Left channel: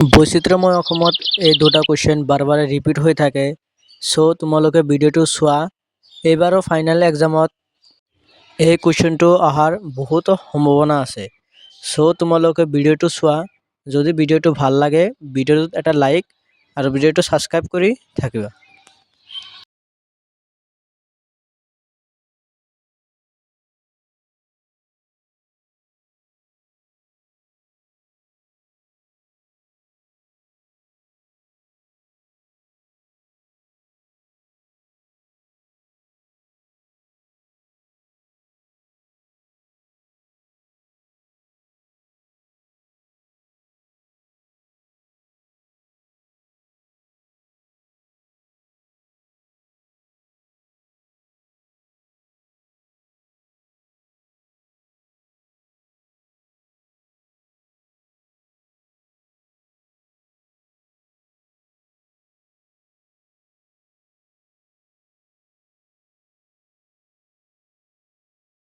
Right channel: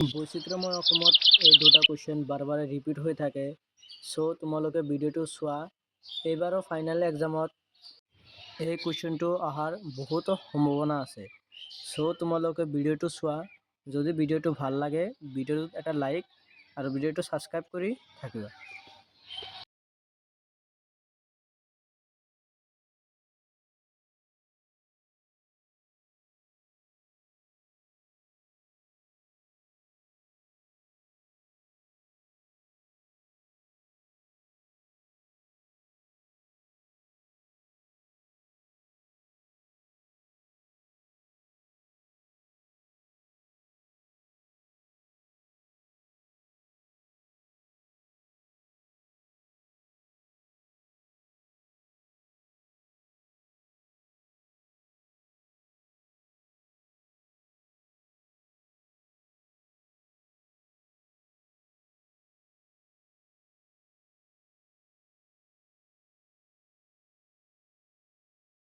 বৈচিত্ৰ্যময় অসমত এই দুটা কুৱেশ্যন বাৰে বাৰে ৰিপিট হৈ থাকে। চ' তোমালোকে ভিডিঅ'টো চোৱা। এইবাৰৰ ফাইনেল এক্সামত এই কুৱেশ্যনটো অহাৰ বহুত সম্ভাৱনা আছে। চ' তোমালোকে ভিডিঅ'টো চোৱা। যদি ভিডিঅ'টো ভাল লাগে ভিডিঅ'টোত এটা লাইক আৰু ভিডিঅ'টো ছাবস্ক্ৰাইব কৰি থাকিবা।